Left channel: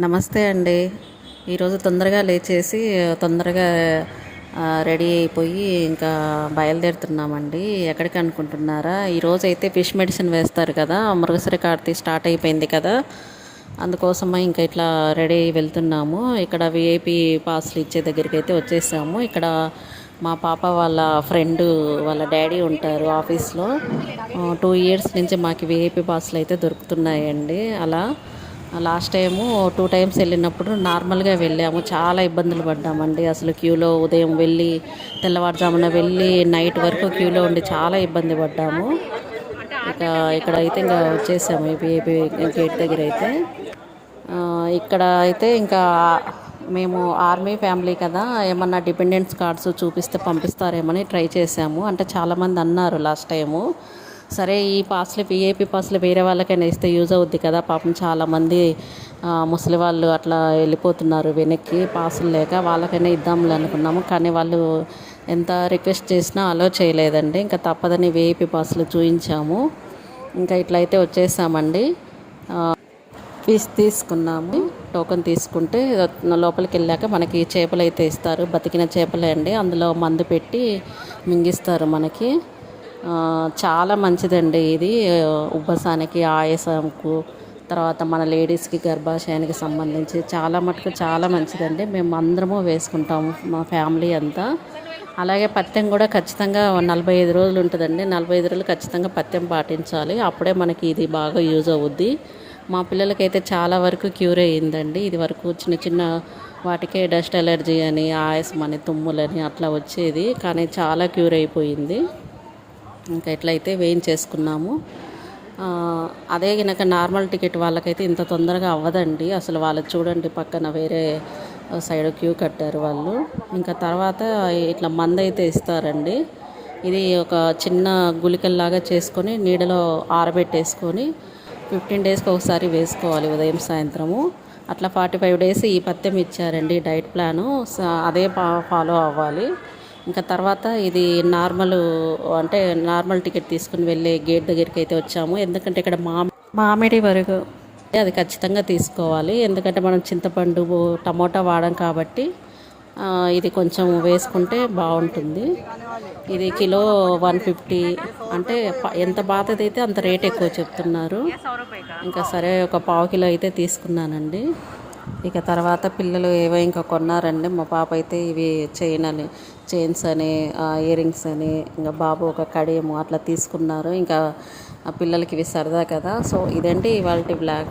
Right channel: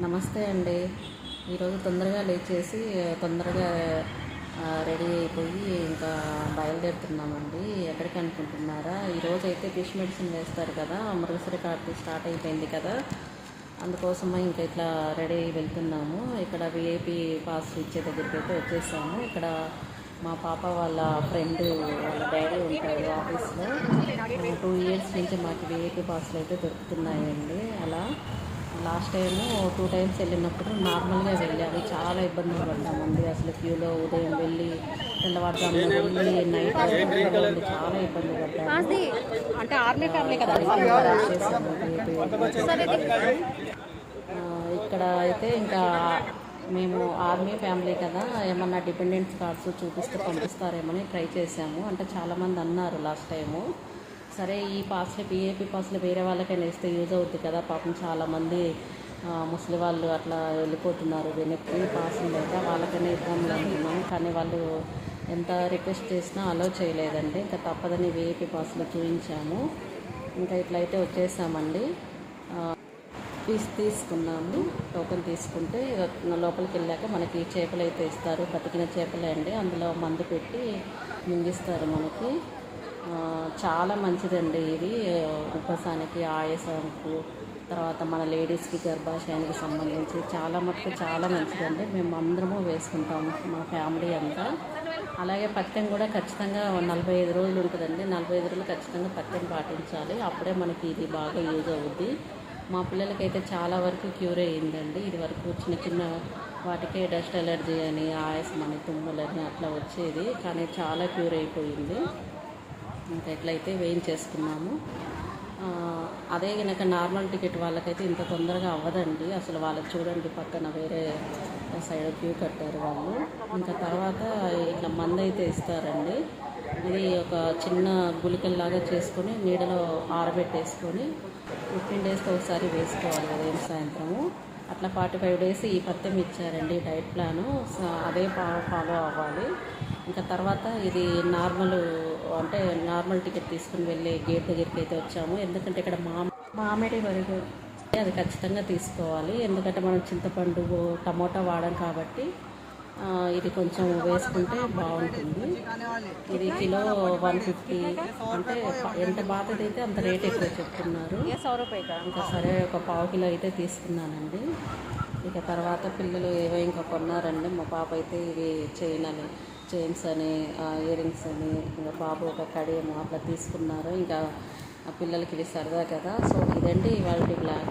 నమస్తే అండి. ఈరోజు తొందరగా లేచేసి తొందరగా రెడీ అయిపోయి ఇంకా బయలుదేరుతున్నామండి. ఎక్కడికి అనుకుంటున్నారా? ఈరోజైతే ఫిష్ మెడిసిన్ వేస్తారు కదా, మృగశిర కార్తీ స్టార్ట్ అయిపోయింది కదా, అందుకోసమే ఇంకా ఇట్లా రెడీ అయ్యి వెళ్తున్నాము. ఇక్కడ విఐపి పాస్లు ఇచ్చే దగ్గరికి అయితే వచ్చేసాము. ఇక్కడ మా పాప వాళ్ళ ఫ్రెండ్ వాళ్ళ డాడీ ఉంటారు ఆఫీస్లో. 2 ఇయర్స్ నుంచి మాకు విఐపి పాస్లు అయితే దొరుకుతున్నాయండి. అలా లాస్ట్ టైము 2 టైమ్స్ వెళ్ళినప్పుడు నార్మల్గా వెళ్ళాము. చాలా ఇబ్బందులు పడ్డామండి. అసలు క్యూలో ఉదయం వెళ్ళి తెల్లవారుజామున వెళ్ళి నైట్ వరకు క్యూలో ఉండి చాలా ఇబ్బంది పడ్డాము. ఇక్కడైతే ఇంకా వచ్చేసాము ఏపీ గేట్ దగ్గర అయితే. ఇక్కడ అయితే ఇంకా మేము ఆర్మీ ఫ్యామిలీ కదా, ఏమన్నా డిపెండెన్స్ కార్డ్స్ చూపిస్తే పంపిస్తారేమని ట్రై చేసాము. అంటే చాలామంది అన్నారు లాస్ట్ టైము, సరే ఈ పాస్లు విఐపి పాస్లు వేరే వాళ్ళకైనా ఇస్తే యూజ్ అవుద్ది కదా, పాపం చాలామంది ముసలి వాళ్ళు అట్లా వెళ్ళిపోతున్నారు వెనక్కి పాసులు లేక, వాళ్ళకైనా ఇద్దాంలే అనుకున్నాము. కానీ వాళ్ళు ఎంత రిక్వెస్ట్ చేసినా అలో చేయలేదండి. ఇంకా తప్పదని విఐపి పాసులు చూపించాము. ఇంకా ఇట్లయితే వచ్చేసామండి. ఫీజు తీసుకున్నాము. టోకెన్ తీసుకుంటే లోపలికి వెళ్ళాక మనకి చేపలు అయితే ఇస్తారు. బతికిన చేపలే అండి, అందులో మందు పెట్టి మింగిస్తారు మనకి. చాలా మంచిదండి ఇది, ఉబ్బసానికి, ఆయాసంకు, తర్వాత మన లేడీస్కి గర్భాశయానికి సంబంధించి చాలా మటుకు చాలా మంచిదండి. మేము అందరము వేసుకుంటాము మా ఫ్యామిలీ అంతా. అలాగే పథ్యం కూడా ఖచ్చితంగా 45 రోజులు ఉంటుందండి. 45 రోజులు ఖచ్చితంగా పథ్యం పాటించాలి, అప్పుడే మనకి ఇది బాగా యూజ్ అవుద్ది. మా పిల్లలకైతే చాలా వరకు క్యూర్ అయ్యిందండి. ఇది వరకు చిన్న చిన్న వాటికే డస్ట్ ఎలర్జీ అని, ఆయాసం అని, తుమ్ములని అట్లా వచ్చేది, కానీ చాలా క్యూర్ అయిపోయింది. ఇంకా ఎట్లయితే వేయించేసుకున్నాము. అదే కనుక నార్మల్ టికెట్ వాళ్ళకైతే ఇంత తొందరగా అవ్వదండి. అసలు వాళ్ళు చూడండి పక్కన వేరే సైడ్ క్యూ కట్టారు వాళ్ళు. ఇంకా తర్వాత ఇట్లా మందు అయితే ఇస్తారండి. ఇది ఒక చిన్న గుళికల్లాగా చేసుకొని నీడలో ఆరబెట్టేసుకొని 15 డేస్కి ఒకసారి వేసుకోవాలి, ఉదయం సాయంత్రము. అట్లా 45 డేస్ ఈ పథ్యం ఇచ్చారండి డైట్ ప్లాను. అదే ఫాలో అవ్వాలి. ఇంకా తర్వాత ఇది అంటే నార్మల్ టికెట్ తీసుకుని వెళ్ళే గేట్ దగ్గరికి అయితే వచ్చాము. ఎందుకంటే ఇక్కడ మామిడి వరకు అది ఖచ్చితంగా తీసుకోవాలి. ఎందుకంటే మనం చింతపండు, టమోటా వాడం కాబట్టి ఇది కొంచెం వేసుకుంటే బాగుంటుంది. ఇది కిలో 150, అంటే ఎంత బాధదైతే అంత రేట్ ఎక్కువ చెప్తున్నారు. ఇంకా సరే ఒక పావు కిలో అయితే తీసుకున్నానండి. ఇక తర్వాత పిల్లలు ఏవో ఇంకా కొన్నారండి. మా పాప అయితే ఇవి చైన్స్ అని, ఇయర్ రింగ్స్ అని, ఇంకా బాబు ఒక కడియము అట్లా తీసుకున్నారు. ఇంకా పిల్లలకి ఇవి సరదా కదా. సో ఇదండి ఇవాళ బ్లాగ్.